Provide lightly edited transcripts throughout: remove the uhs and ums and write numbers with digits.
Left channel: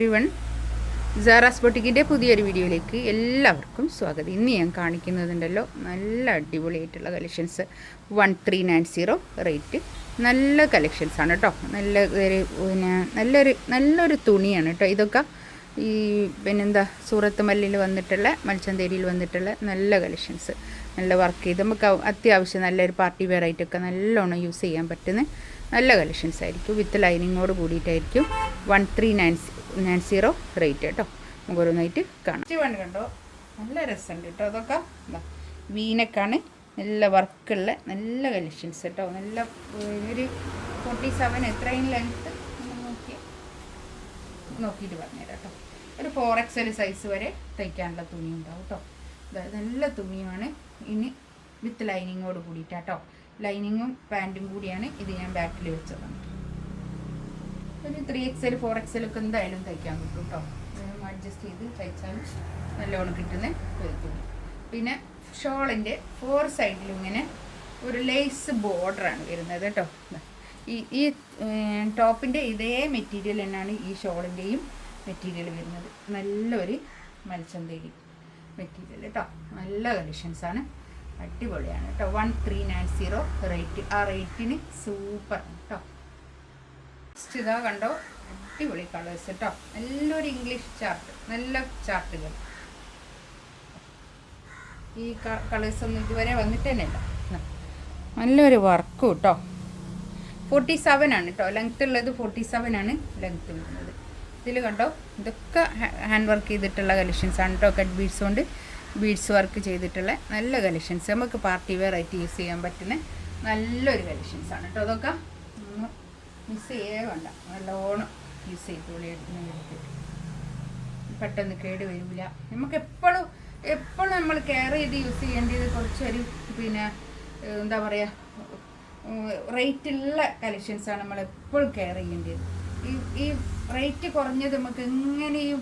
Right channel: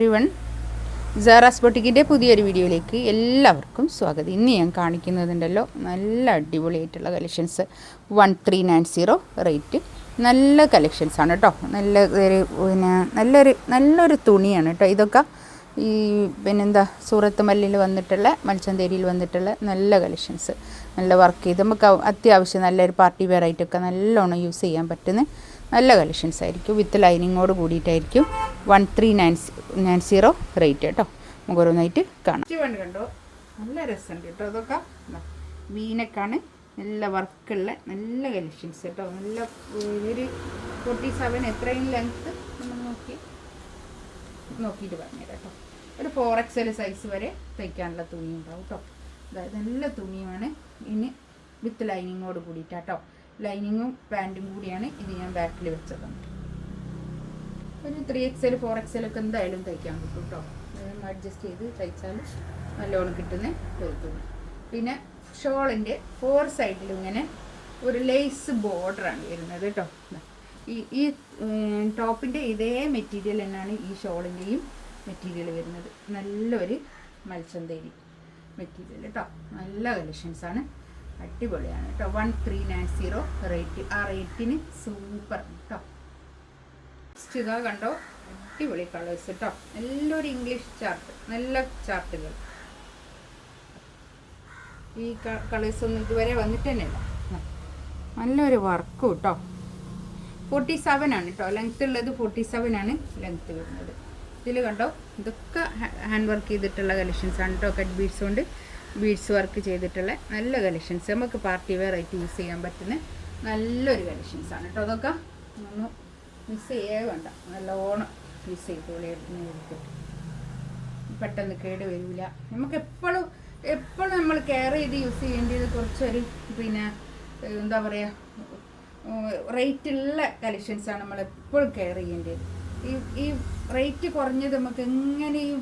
Everyone, Sara's ബൊട്ടിക്കിൻ്റെ പുതിയൊരു വീഡിയോയിലേക്ക് എല്ലാവർക്കും സ്വാഗതം. ഇന്ന് ഞാൻ കാണിക്കുന്നതുണ്ടല്ലോ നല്ല അടിപൊളിയായിട്ടുള്ള കളക്ഷൻസ്. 1390 റേറ്റ്. നല്ല കളക്ഷൻസാണ് കേട്ടോ. നല്ലൊരു തുണിയാണ് കേട്ടോ. ഇതൊക്കെ ഈ പിന്നെന്താ സൂറത്ത് മല്ലിയിൽ വന്നിട്ടുള്ള മൽച്ചന്തേരിയിൽ വന്നിട്ടുള്ള നല്ല കളക്ഷൻസ്. നല്ല വർക്ക് ചെയ്ത് നമുക്ക് അത്യാവശ്യം നല്ലൊരു പാർട്ടി വെയർ ആയിട്ടൊക്കെ നല്ലോണം യൂസ് ചെയ്യാൻ പറ്റുന്ന നല്ല കളക്ഷൻസ് ആയിരിക്കും. വിത്ത് ലൈനിങ്ങോട് കൂടിയിട്ടായിരിക്കും 1390 റേറ്റ് കേട്ടോ. നമുക്ക് ഓരോന്നായിട്ട് കാണാം. കണ്ടോ, നല്ല രസമുണ്ട് കേട്ടോ. അതൊക്കെ വീനക്കാണ്, നല്ല വർക്കുള്ള നല്ല കളക്ഷൻസ് കേട്ടോ. നല്ല ഒരു 47 എത്രയും ലെങ്ത്ത് നോക്കിയിട്ട് പറഞ്ഞുതരാം കേട്ടോ. ഒരു 4XL സൈസ് വരെ തയ്ക്കാനുള്ള തുണി ഉണ്ടാവും കേട്ടോ. നല്ല തുണിയാണ്. ഇനി വിത്ത് ലൈനിങ്ങോട് കൂടിയിട്ടാട്ടോ. ലൈനിങ്ങും പാൻറ്റും കൂടിയാണ് ഇത്. ഞാൻ ബാക്കിൽ വെച്ചതാണ്. ഒരു 3XL 4XL ഒക്കെ എന്തായാലും തയ്ക്കാൻ കിട്ടും കേട്ടോ. അഡ്ജസ്റ്റ് ചെയ്ത് തയ്ച്ചാലും നല്ലോണം കിട്ടുന്ന ഒരു തുണി. പിന്നെ ഷോളിൻ്റെ 4 സൈഡിലും ഇങ്ങനെ ഒരു ലേസ് ബോർഡറാണ് വരുന്നത് കേട്ടോ. ഈ ടോപ്പിൻ്റെ ഇതേ മെറ്റീരിയൽ തന്നെയാണ് ഈ ഷോളിൻ്റെയും മെറ്റീരിയൽ വരുന്നത്. നല്ലൊരു മൽച്ചന്തേരി മെറ്റീരിയൽ കേട്ടോ. നല്ല കളക്ഷൻസാണ്, അടിപൊളിയാണ് കേട്ടോ. 1390 റേറ്റ്. ആ റേറ്റിന് സൂപ്പർ കേട്ടോ. ഇതാ കണ്ടോ, അടിപൊളി കളേഴ്സ് കേട്ടോ. നല്ലൊരു ഇംഗ്ലീഷ് ചാർട്ട്, നല്ല ചാർട്ടുകൾ. ഈ കളേഴ്സ് ഒന്നും ഇതുവരെ വന്നിട്ട് തന്നെയല്ല. നല്ലൊരു വർക്കും കേട്ടോ. 47 ആണ് കേട്ടോ ലെങ്ത് ഉള്ളത്. 47 ആണ് ലെങ്ത് വരുന്നത്. ഇതിൽ കണ്ടോ, ഇതൊക്കെ ഹാൻഡ് വർക്ക് ചെയ്തിട്ടുള്ള കളക്ഷൻസാണ് കേട്ടോ. കട്ട് ബീഡ്സ് കൊണ്ട് ബീഡ്സ് വർക്ക് ചെയ്തിട്ടുള്ള നല്ല കളക്ഷൻസ്. നമുക്ക് പാർട്ടി വെയർ ആയിട്ട് യൂസ് ചെയ്യാൻ പറ്റുന്ന നല്ലൊരു കളക്ഷൻസാണ് കേട്ടോ. അതൊക്കെ ഒന്നും മിസ് ചെയ്യേ വേണ്ട, നല്ലോണം യൂസ് ചെയ്തോളി. എടുത്ത് പെട്ടെന്ന് കേട് വരില്ല. നമുക്ക് എപ്പോഴും നമ്മൾ കെയർ ചെയ്ത് യൂസ് ചെയ്യേണ്ടത് കുറച്ചൊരു പിന്നെ എന്താ പറയുക, റേറ്റുള്ള കളക്ഷൻസാണ് നമ്മളെപ്പോഴും കെയർ ചെയ്യേണ്ടത്. ഈ റേറ്റ് കുറഞ്ഞത് നമുക്ക് എങ്ങനെയും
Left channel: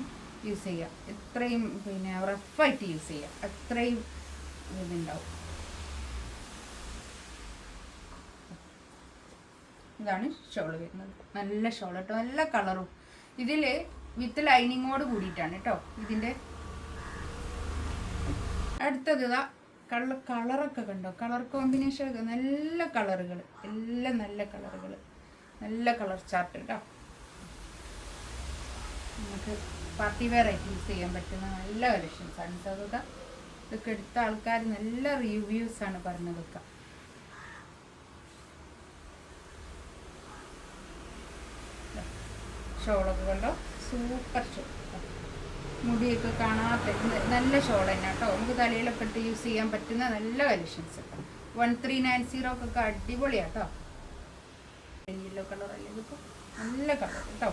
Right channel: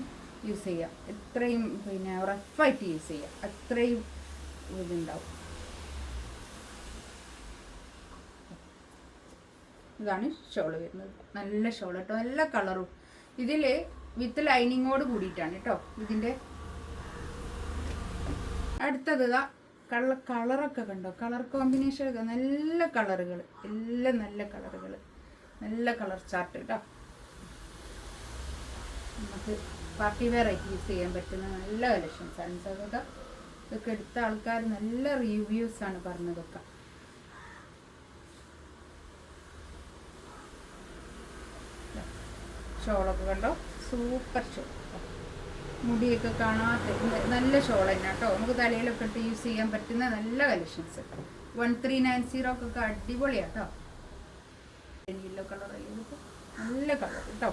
യൂസ് ചെയ്യാം. എത്രയും പിന്നെ റഫായിട്ട് യൂസ് ചെയ്യാം, അത്രയും ഇതുണ്ടാവും. ഇതാണ് ഷോള് വരുന്നത്. നല്ല ഷോൾ കേട്ടോ, നല്ല കളറും. ഇതിൽ വിത്ത് ലൈനിങ്ങോട് കൂടിയിട്ടാണ് കേട്ടോ ഇതിൻ്റെ. അടുത്തത് ഇതാ കളറൊക്കെ കണ്ടോ, കളർ കോമ്പിനേഷൻ ഒക്കെ നല്ല കളറുകൾ, എല്ലാം നല്ല കളറുകൾ, നല്ല കളർ ചാർട്ട് കേട്ടോ. നമുക്ക് പാർട്ടി വെയർ ആയിട്ട് യൂസ് ചെയ്യാൻ പറ്റുന്ന നല്ല കളക്ഷൻസാണ് കേട്ടോ. ഇതൊക്കെ എടുത്ത ആൾക്കാർ നല്ല റിവ്യൂസാണ് പറഞ്ഞതൊക്കെ. ഷോളൊക്കെ കണ്ടോ, സൂപ്പർ ഷോൾ. മുടിയൊക്കെ കാണാത്ത നല്ല ഷോൾ തന്നെ കേട്ടോ. നമുക്ക് തലയിലൊക്കെ ഇട്ട് യൂസ് ചെയ്യാൻ പറ്റുന്ന നല്ല കളക്ഷൻസ്. 1390 ഒക്കെ അടിപൊളിയാണ് കേട്ടോ. യെല്ലോ കളർ അല്ലെങ്കിൽ നല്ല കളർ കേട്ടോ.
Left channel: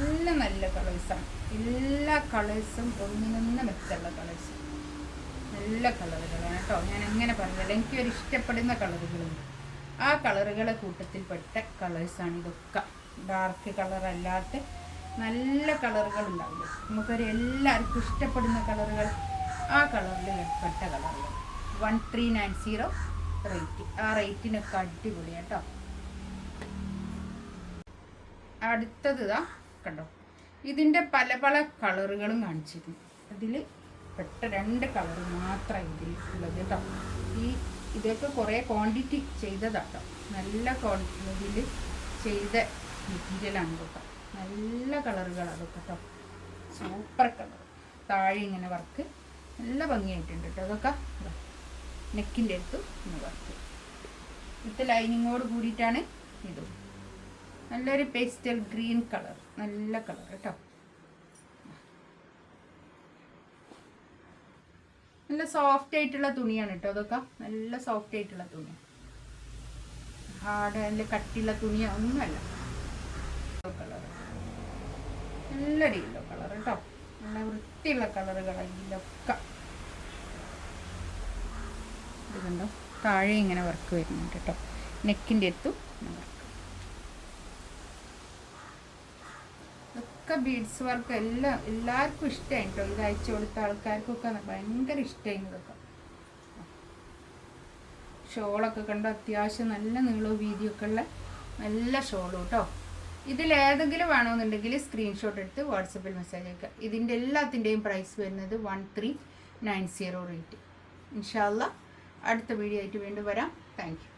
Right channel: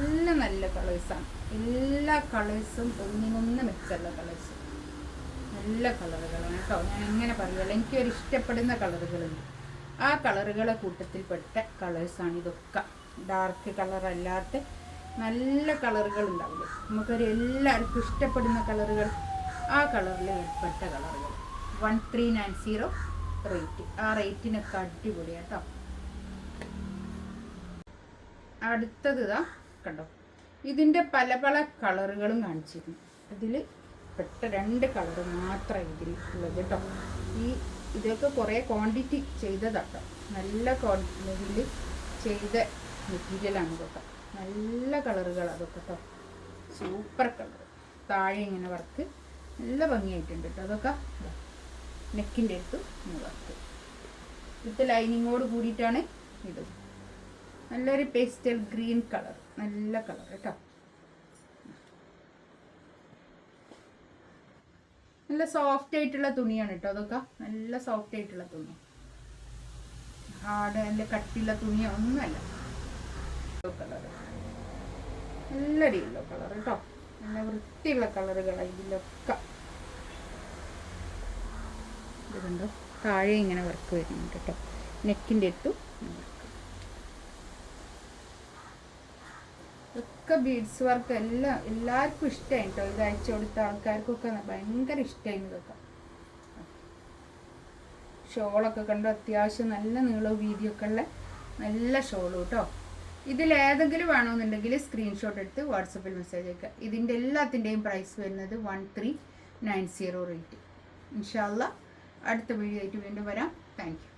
എല്ലാം നല്ല കളേഴ്സാണ്. എല്ലാ കളേഴ്സും ഒന്നിനൊന്ന് മെച്ചമുള്ള കളേഴ്സ്, നല്ല കളറുകളാണ് കേട്ടോ. ഞാൻ എങ്ങനെ പറഞ്ഞാൽ എനിക്കൊരു ഇഷ്ടപ്പെടുന്ന കളറുകളുണ്ട്. ആ കളറുകളെ കൂട്ടത്തിൽപ്പെട്ട കളേഴ്സാണ് ഇതൊക്കെ. ഡാർക്ക് കളർ അല്ലാത്ത നല്ല കളറുകൾ ഉണ്ടാവില്ലേ, നമുക്കൊരു എല്ലാവർക്കും ഇഷ്ടപ്പെടുന്ന കളറുകൾ, ആ കളറിൽ ഏർപ്പെട്ട കളറുകൾ. 1390 റേറ്റ്. ആ റേറ്റിനൊക്കെ അടിപൊളിയാണ് കേട്ടോ. അടുത്തത് ഇതാ കണ്ടോ, ഇതിൻ്റെ പല പല കളറുകളും കാണിച്ചിരുന്നു. അതിൽ പെട്ട 2 കളറ് മാത്രമാണ് ഇതിൽ ഉള്ളത് കേട്ടോ. ഇതൊക്കെ കുറേ ക്വാണ്ടിറ്റി ചെയ്തതാട്ടോ. നല്ല ക്വാണ്ടിറ്റിയിൽ ചെയ്ത മെറ്റീരിയലാണ് ഇതൊക്കെ. നല്ല കളറുകൾ അതൊക്കെ കേട്ടോ. Super colour. താഴെ ഇങ്ങനെ വർക്ക് നല്ല ഭംഗിയായിട്ടുണ്ട് കേട്ടോ. അതൊക്കെ നെക്കിൻ്റെ അടുത്ത് വർക്ക് വിത്ത് ലൈനിങ്ങോട് കൂടിയിട്ടാണ് ഇത്. നല്ലൊരു പേസ്റ്റൽ ഗ്രീൻ കളർ, നല്ല കളർ കേട്ടോ. നല്ല സോഫ്റ്റ് ആയിട്ടുള്ള തുണിയാണ് കേട്ടോ. അതൊക്കെ നല്ല സോഫ്റ്റ് ആയിട്ടുള്ള തുണിയാണ്, ഹാർഡ് അതിൻ്റെ കട്ടിയുള്ള തുണിയോ ഒന്നുമല്ല. കളർ നല്ലൊരു യെല്ലോ കളർ കേട്ടോ. നല്ല വൃത്തിയുള്ള കളറുകളാണ് ഇതിലൊക്കെ. ഇത് കണ്ടോ, താഴെ ഇങ്ങനെ വർക്ക് വരുന്നുണ്ട് കേട്ടോ. നെക്കിൻ്റെ അടുത്തും വർക്ക്. ഒക്കെ ബീഡ്സ് വർക്ക്. എല്ലാവർക്കും ഇഷ്ടമായി കേട്ടോ. ഇത് അയച്ചു കൊടുത്ത ആൾക്കാർക്കൊക്കെ ഭയങ്കര ഇഷ്ടമായി ഇതൊക്കെ. ഷോളൊക്കെ കണ്ടോ, അത്യാവശ്യം നല്ല നീളവും വീതിയൊക്കെ ഉള്ള നല്ല ഷോളും കേട്ടോ. ഇതിലേതെങ്കിലും വേണമെന്നുണ്ടെങ്കിൽ സ്ക്രീൻഷോട്ട് എടുത്ത് വാട്സപ്പിൽ മെസ്സേജ് അയക്കുക. ഇതിൻ്റെ എല്ലാത്തിൻ്റെയും പ്രൈസ് വരുന്നത് 1390 റേറ്റ്. ഇൻഷാ അല്ലാഹ് അടുത്ത വീഡിയോ ആയിട്ട് വീണ്ടും വരാം. Thank you.